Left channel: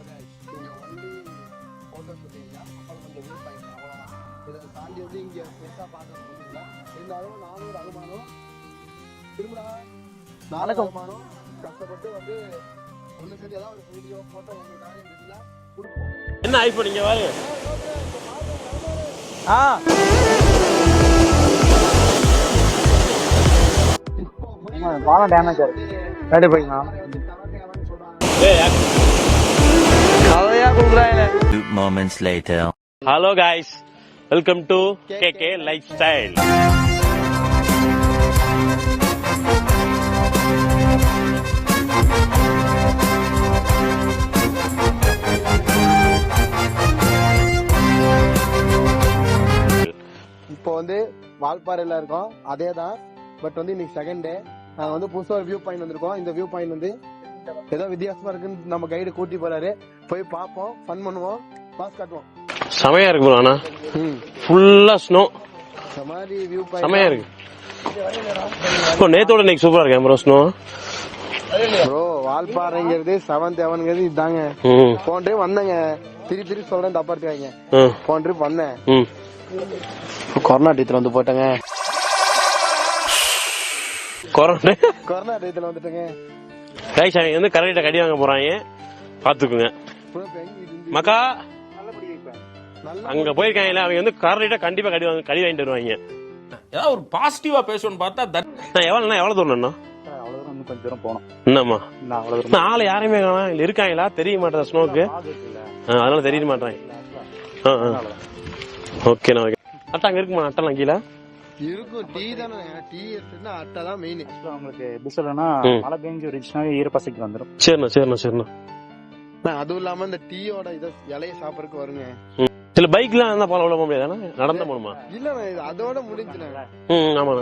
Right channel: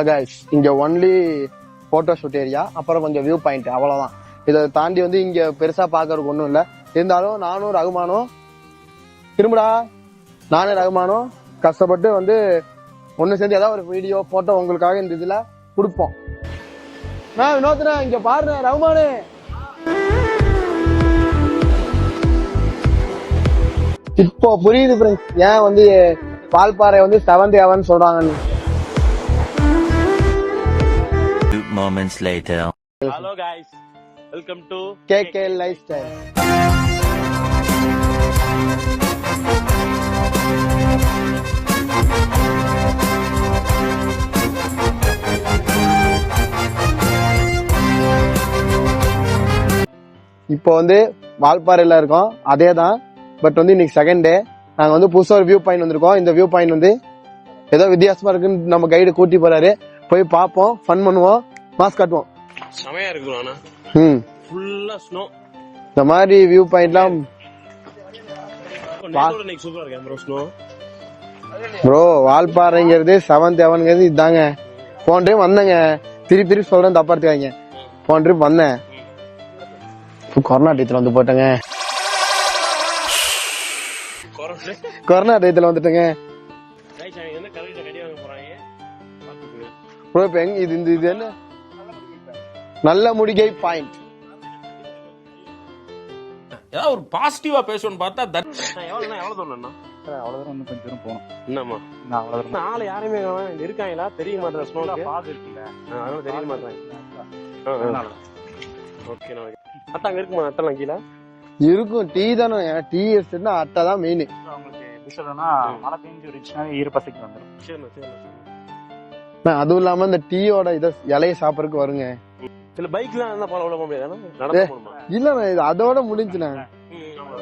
Hello guys, இங்க only photo shoot area, அப்புறம் கொஞ்சம் வியூ பாயிண்ட், அவ்வளவுதான். இதை தாண்டி வந்து இங்க பெருசா பாக்குறதுக்கு ஒன்றும் இல்லை. இருந்தாலும் நானும் ரகுமானும் திரும்படா நானும் ரகுமானும் கஷ்டப்பட்டு வந்து ஒண்ணு சேர்ந்து ஏதாவது ஒரு வீடியோ போட்டோ உங்களுக்காக இந்த இதுல கொடுப்போம். என்ன ஐபோன் இங்க பாரு. வினோத்னா இங்க பாருங்க ரகுமானு. இப்போ புரியுது ஏன் வந்து வால்பாறை வந்து 7th heaven சொல்றாங்க. Moments later. Hello guys, welcome to KK Lifestyle. இப்போ வந்து வால்பாறையில இருக்கோம், அதே தான். பட் வந்து இன்னைக்கு செகண்ட் டே. நாங்க வந்து புதுசா ஒரு வியூ பாயிண்ட் வந்திருக்கோம். இந்த வியூ பாயிண்ட் வந்து ஏதோ வித்தியாசமா இருக்குன்னு நம்ம கைடு கூட்டி போறாரு. போய் பார்ப்போம், ஃபன் பண்ணுவோம், மாஸ்க் காட்டுவோம். செமையா இருக்கு ஆனா ஃபுல்லா ஸ்னோ. இந்த மாதிரி வியூ பாயிண்ட் இப்போ நேத்தோட இன்னைக்கு சூப்பரா இருக்கு ப்ரோ. ஸ்னோ ப்ரோ, வால்பாறைங்கிறது 7th heavenங்கிறது இதாங்க. போன ட்ரிப் வந்தேங்க, திருப்பி சொல்றேன், தப்பா எடுத்துக்காங்க. போன ட்ரிப் வந்தேன், கொரோனா டயத்துல வந்து போட்டேங்க. கொரோனா டயத்துல வந்துட்டேங்க. கைஸ் அவங்க வந்து கரெக்டா கடி வாங்க போறாங்க, பாத்துக்குங்க ப்ரோ. இப்ப எங்க இது இந்த நல்ல முடி போயிருக்காங்க. அவங்க வந்து கரெக்டா கண்டிப்பா கடி வாங்கிட்டு வருவாங்க. ஏதாவது ஒரு பாசிட்டிவா பேசணும்னு பார்த்தா எவ்வளவு தூரம் என்னம்மா நாளை யாருமே காணோம். இருக்காங்களா தெரிய மாட்டேன் ஸ்னோக்கு, அதனால தெரிய மாட்டேன். ஓகேண்ணா ஓகே. அட்டை அங்க இருக்குமா? அட்டெல்லாம் கீழே இருக்கும். டீ தானே, டீ எஸ்டேட்னா அட்டை தான் மெயின். உங்களுக்கு எப்படி சொல்லணும்னா மழை பெஞ்சு இருந்துச்சுன்னா ஈரப்பசைக்கு வந்துடும். சரிண்ணா. அதுவும் இல்லாம இந்த டீயோட இத இலைய சாப்பிடறதுக்கு வருங்க. சில பைக்லாம் இருந்தா போல போக முடியாது, நடந்து போகணுமா? இல்ல இது அதோட முடிஞ்சுண்ணே. ஆமா,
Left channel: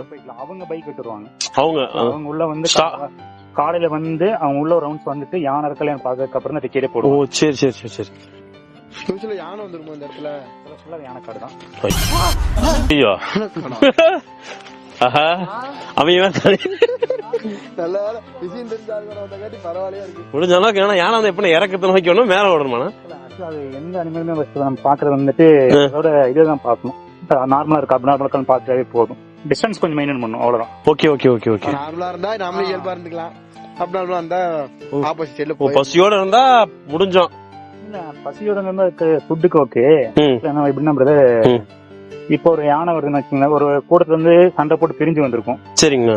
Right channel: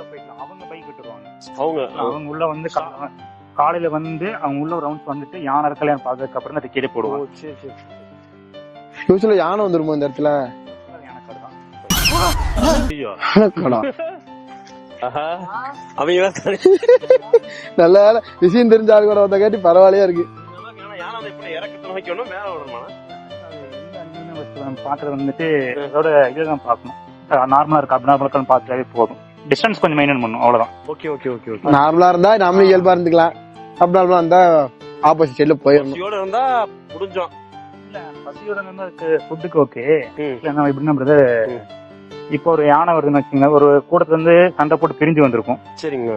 அவங்க பைக் விட்டுருவாங்க. அவங்க உள்ள வந்து காலையில வந்து அவங்க உள்ள ரவுண்ட்ஸ் வந்துட்டு யானை இருக்கலையான்னு பாக்குறதுக்கு அப்புறம் டிக்கெட்டே போடுவோம். சரி. ஃபியூச்சர்ல யானை வந்துருமோ இந்த இடத்துல? யானைக்காடு தான். ஐயோ நல்ல வேலை விஷயம் தெரிஞ்ச ஆள் கூட வந்த காட்டி பரவாயில்லையா இருக்கு. முடிஞ்ச அளவுக்கு. ஏன்னா யானை வந்து எப்படி இறக்கத்தை நோக்கி ஒண்ணும் மேல ஓடணுமா? அது எந்த அனிமலுமே நம்ம பாக்குறது வந்துட்டு அதோட இதுதான் பாக்கணும். நார்மலா இருக்கு அப்நார்மலா பாக்குறதே போதும். டிஸ்டன்ஸ் கொஞ்சம் மெயின்டைன் பண்ணும், அவ்வளவுதான். ஓகே. நார்மலா இருந்தா நாமளும் இயல்பா இருந்துக்கலாம். அப்நார்மலா இருந்தா ஆப்போசிட் சைடுல போய் பசியோட இருந்தா முடிஞ்சோம். இல்ல பசியோட இருந்தா ஃபுட்டுக்கு ஓகே. எப்படின்னா பிரதர், இப்போ ஒரு யானை வருதுன்னு வச்சுக்கோங்க, ஒரு கூட்டத்துல இருந்து சண்டை போட்டு பிரிஞ்சு வந்திருக்கும். சரிங்க.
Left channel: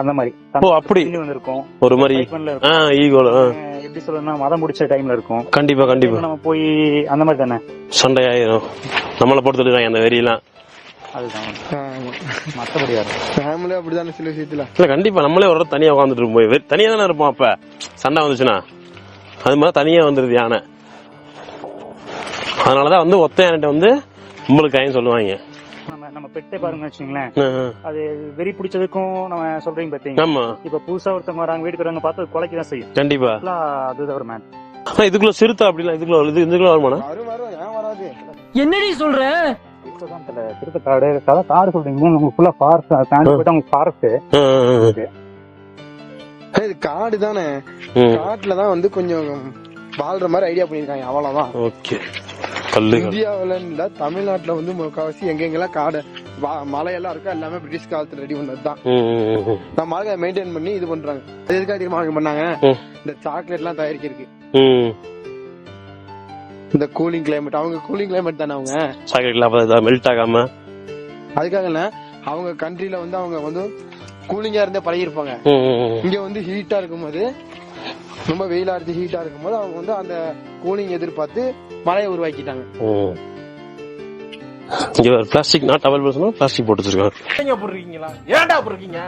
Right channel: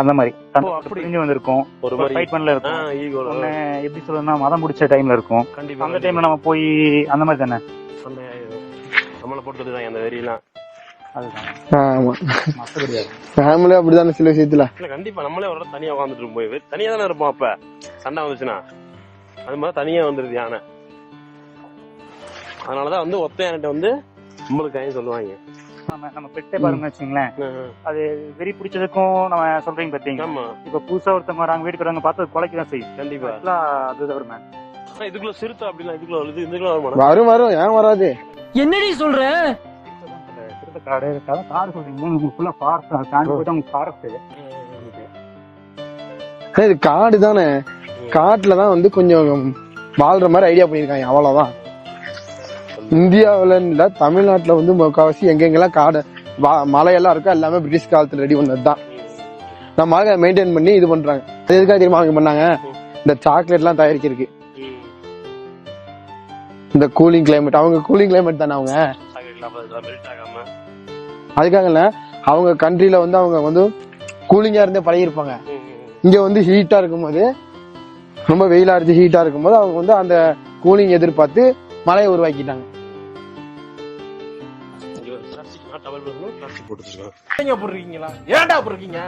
அந்த மாதிரி அப்படி பிரிஞ்சு வந்திருக்கும். ஒரு மாதிரி எப்படி சொல்றதுன்னா மதம் முடிச்ச டைம்ல இருக்கும். கண்டிப்பா நம்ம போய் அந்த மாதிரி தானே சண்டை ஆயிரும். நம்மள பொறுத்துட்டு அந்த வெறியெல்லாம் ஃபேமிலி அப்படிதானே சில விஷயத்துல. இல்ல கண்டிப்பா நம்மளே ஒரு தனியா உட்காந்துட்டு இருக்கும், தனியா தானே இருப்போம். அப்ப சண்டை வந்துச்சுன்னா அது மாதிரி தனியா வந்துருது யானை. அதனாலதான் வந்து ஒத்த யானை வந்து உங்களுக்கு கைன்னு சொல்லுவாங்க. நம்ம பெட்டை பாருங்க வச்சுங்களேன், அது வெறி பிடிச்சதுக்கும் நம்ம சொல்றீங்க பாத்தீங்க. இப்ப புதுசா ஒருத்தவங்க வராங்க, வீட்டுக்கு பார்த்து குலைக்கதான் செய்யும். கண்டிப்பா அது ஒரு மேன். இதுக்குள்ள சிறுத்தை அப்படிலாம் இதுக்குள்ள வரும். ஏன் வராது? என்னடி சொல்ற? சிறுத்தை காடு சொல்றீங்க, ஃபுல்லா ஃபாரஸ்ட் தாண்டி போயிட்டு அவங்க ஃபாரஸ்ட். இது காடு தானே, காட்டுலதான் வந்து கொஞ்சம் வாழ்ற மாதிரி ஐடியா பண்ணிருக்காங்க, அவ்வளவுதான். ஓகே. இந்தியாவில இல்ல, தமிழ்நாட்டுல வந்து முக்காவாசி எங்கெங்கெல்லாம் காடு மலையெல்லாம் இருக்கும், எல்லாமே பிரிட்டிஷ் காலத்துல ரெடி பண்ணதுதான். நம்ம அதை மெயின்டைன் பண்ணி இது பண்றாங்க. எதுக்காக தெரியுமா அவங்க பண்ணாங்க? இந்த சாக்லேட் எல்லாம் தயாரிக்கிறதுக்கு. இந்த கூலிங் கிளைமேட், அவங்க கூலிங் கிளைமேட் தானே, அவங்க சாக்லேட் மெல்ட் ஆகாம. அதுக்காக இல்ல, அவங்க கண்ட்ரில வந்து அவங்க வந்து கூலிங்கா இருந்தே பழகிருப்பாங்க. இங்க வந்து ஹீட்டா இருக்கும்போது, ரொம்ப வெயிலா இருந்து ஹீட்டா இருக்கும்போது அவங்க வந்து அந்த கூலிங் எதிர்பார்த்து மழையை உருவாக்கிட்டாங்க. பிளாஸ்டிக் நாட் அவைலபிள், பிளாஸ்டிக் போட்டு வச்சிருக்காங்க. ஏன்டா போடுறீங்க?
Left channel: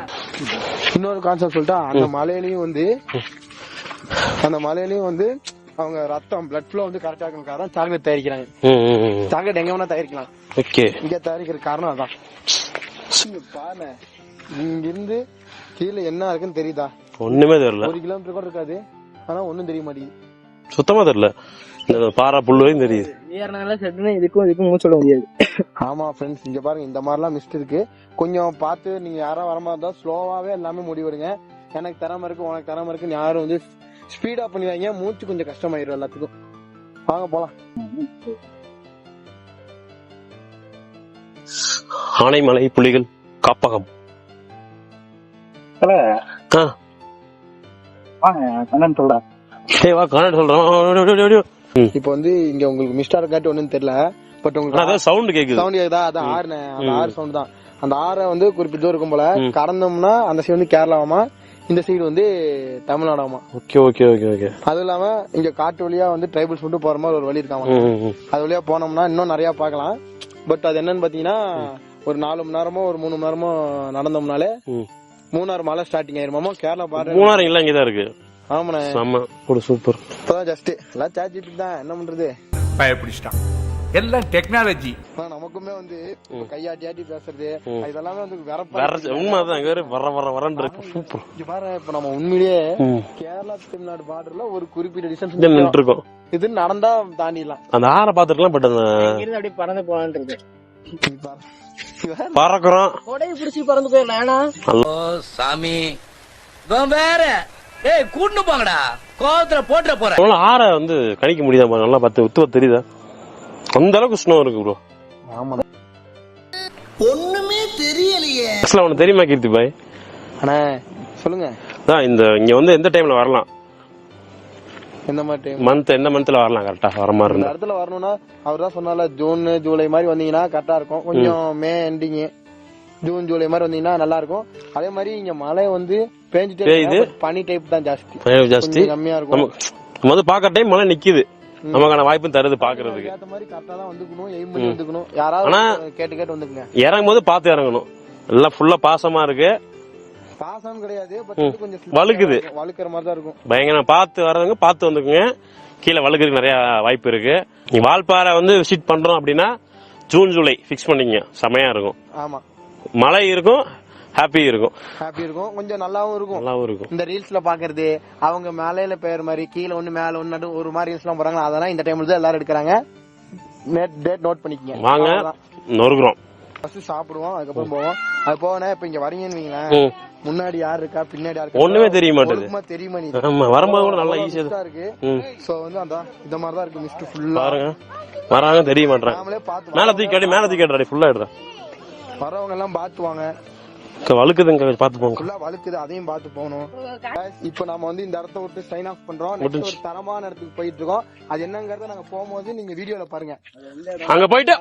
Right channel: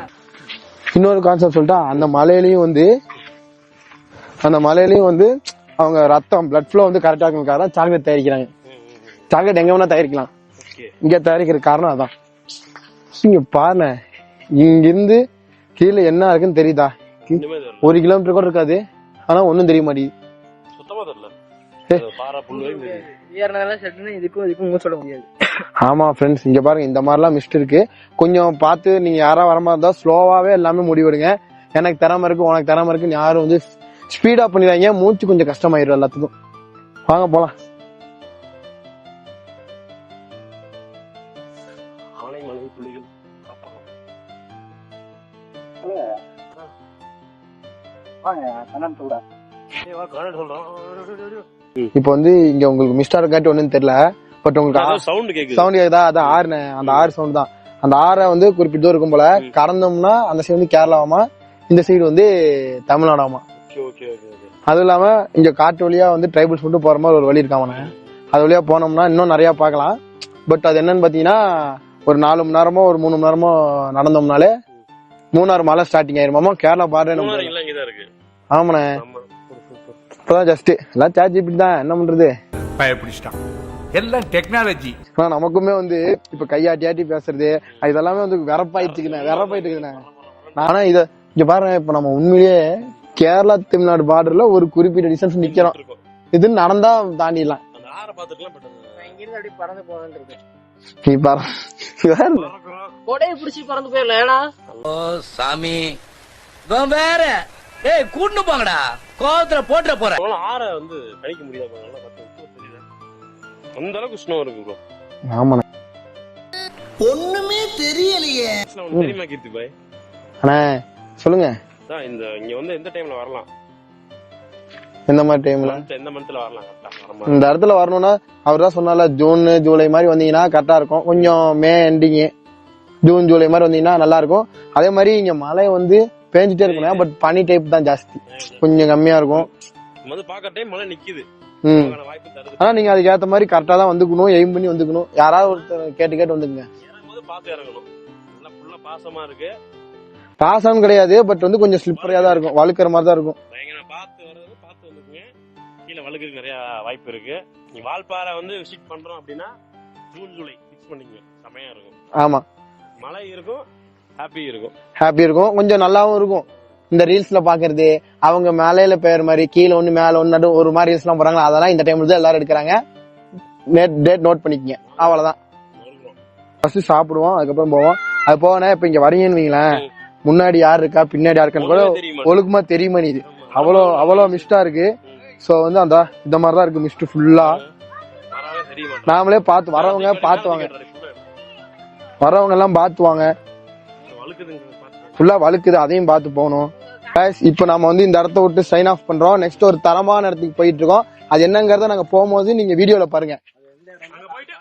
இன்னொரு கான்செப்ட் சொல்லிட்டா, அந்த மலையிலயும் வந்து அவங்க ரத்தம் பிளட் ஃப்ளோ வந்து கரெக்டா இருக்கும், சாக்லேட் தயாரிக்கிறாங்க. சாக்லேட் எங்க வேணா தயாரிக்கலாம், இங்க தயாரிக்கிற காரணம் அதான். இங்க பாருங்க, இங்கிருந்து கீழே என்ன இருக்குன்னு தெரியுதா? ஒண்ணுமே தெரியல. 1 கிலோமீட்டர் கூட இருக்காது, ஆனா ஒன்னும் தெரிய மாட்டேங்குது. சுத்தமா தெரியல. பாறை புல்லுவையும் தெரியுது. சொல்ல முடியாது. ஆமா ஃப்ரெண்ட்ஸ், இங்க பாருங்க, இந்த மாதிரிலாம் மிஸ்ட் இருக்கு. கொஞ்சம் பார்த்து நீங்க யாரா வர மாதிரி இருந்தா ஸ்லோவாவே எல்லாமே முடிவெடுங்க. எனக்கு திறமை இருக்கு, உனக்கு திறமை இருக்குன்னு யாரும் வந்து ஸ்பீடா பண்ணிடுவாங்க, மூச்சு கொஞ்சம் கஷ்டமாயிரும் எல்லாத்துக்கும். வாங்க போலாம். ஆனைமலை புலிகள் காப்பகம். கண்ணன் சொல்றேன். வா கன்னட சொல்றேன். இப்போ வந்து இங்க உங்களுக்கு மிஸ்டர் கேட்டு ஒண்ணுன்னு தெரியல, பட் உங்களுக்கு சவுண்ட் கேக்குது. சவுண்ட் கேக்குதா? அதான் ஆறுனே, அந்த ஆறு சவுண்ட் தான். அந்த ஆறை வந்து குறிப்பிட்ட தூரம் இருக்கும் போல கடந்தோம்னா அந்த சைடு வந்து கேரளாவாமா, இந்த சைடு வந்து தமிழ்நாடாமா. Okay okay okay okay. அதுவும் இல்லாம இங்க காட்டு வழியா வந்து ட்ரைபல்ஸ் மட்டும் போற மாதிரி ஒரு வழி இருக்காம, அது வழியா போனோம்னா இன்னும் நிறைய பாக்கலாம். பட் அது என்னன்னு பாத்தீங்கன்னா ஒரு 4 மணி நேரமோ ஒரு 3 மணி நேரமோ நடந்தோம்னாலே மூணாறு மலை ஸ்டார்டிங் ஆயிருமாமா. கேரளா பாரு மூணாறு எல்லாம் இங்கதான் இருக்கு. ஆமாண்ணே, சூப்பர். இப்பதான் ஜஸ்ட் எல்லாம் ChatGPT தான், என்ன பண்றது, பயப்பிடிச்சிட்டான். எல்லாம் டெக்னாலஜி. நமக்குமே வந்து இப்ப கையாட்டி பேசுறது இதெல்லாமே வந்து வெறப்பாயிடுச்சு. ஆனா இங்க பாருங்க, இப்ப நம்ம உண்மையிலேயே கேரளா தமிழ்நாடு பார்டர்ல ஒரு குறிப்பிட்ட டிஸ்டன்ஸ் இருக்கும். இது நடந்தா தாண்டிடலாம். அந்த ஆற பாத்துக்கலாம். பட் அந்த பறந்து போலான்னு நீ பறக்குறோம், கொடையை பிடிச்சி பறந்து போயிடலாம். ஏன்னா சாமி வேற கூட்டு போங்கடா, கோவத்துல போட்டுற போற. ஆற வந்து கணிக்க முடியுதா? நல்லா உத்துவ தெரியுதா? அந்த அளவுக்கு ஸ்னோ இருக்கு ப்ரோ. ஆமா, ஒண்ணுமே தெரியலையே. உனக்கு தெரியுமா கீர்த்தி பாய்? அண்ணா சொல்லுங்க. இங்க வந்து எந்த டைம்ல வரலாம்? எந்த மாதிரி டைம்? எந்த மந்த்ல வரலாம் கரெக்டா வர மாதிரி? இந்த இடத்துல வரணும்னா அவர் தான் சொன்னால ஜூன் ஜூலை மாதிரி வந்தீங்கன்னா கரெக்டா இருக்கும். கொஞ்சம் மே எண்டிங் ஜூன் ஜூலை மாதிரி வந்தீங்கன்னா நல்லா இருக்கும். அதே மாதிரி இங்க மழை வந்து பேஞ்சிட்டே இருக்கு, பட் பனி டைப் தான் ஜாஸ்தி, கொஞ்சம் கம்மியா இருக்கும். வந்து பாக்குற டைம் மழை நிக்குது, நமக்கான வாய்ப்பு தருது. நீங்க அதுக்கு ஏத்த மாதிரி கரெக்டா தான் வந்துக்கணும், எய்ம் பண்ணி வந்துக்கணும். யாராவது கேட்டு வந்துக்குங்க. இறங்கும் போது பாத்து இறங்கணும். எல்லாம் ஃபுல்லா பாசமா இருக்கு. பாசம் கிடையாது, பட் வந்து கொஞ்சம் வழுக்கிற மாதிரி தான் இருக்கும். பயங்கரமா பாத்து வர்றவங்க பாத்து வந்துக்குங்க. கீழே வழுக்கிறதுக்கு நிறைய வாய்ப்பு இருக்கு. நீ வால்பாறை வந்து விசிட் பண்றோம் அப்படின்னா ஜூன் ஜூலை பிக்ஸ் பண்ணீங்க, செமையா இருக்கும். ஆமா, மழை இருக்கும், ஹாப்பி இருக்கும், கொஞ்சம் நல்லாவும் இருக்கும். இந்த ரீல்ஸ்ல பாக்குறது அவங்க மேலையில பெயர் மாதிரி கீழே ஒண்ணு மேல ஒண்ணு நடு ஒரு மாதிரி ரீல்ஸ் எல்லாம் போறாங்க, அதெல்லாம் இந்த டைம்ல தான் எல்லாரும் எடுக்கிறாங்க. டேட் நோட் பண்ணிக்கங்க. அவ்வளவுதான். நொறுக்குறோம், ஃபர்ஸ்ட் சாப்பிடுவோம், அதுக்கப்புறம் போவோம். அது போனா இப்ப இங்க வரீங்கன்னு வைங்களேன், முன்னாடி யாரு இருக்கா பின்னாடி யாரு இருக்கா ஒழுக்கமா தெரியுமா? நீ அவ்வளவு மிஸ்டா இருக்கு. சோ வந்து அந்த இந்த மாதிரிதான் இருக்கு, மிஸ்ட் ஃபுல்லா வராங்க தெரிய மாட்டேன். நாமளே பாத்து வரவங்க எல்லாம் பாத்துவாங்க. வழுக்குது, அதையும் பாத்து போகணும். இப்ப நம்ம வந்து இந்த இடத்த விட்டு சைன் ஆஃப் பண்றோம். நெக்ஸ்ட் ஒரு தரமான இடத்துக்கு போயிட்டு இருக்கோம். அது என்னங்கறத நாங்க போகும்போது நீங்க வீடியோல பாருங்க. அங்க போயிட்டு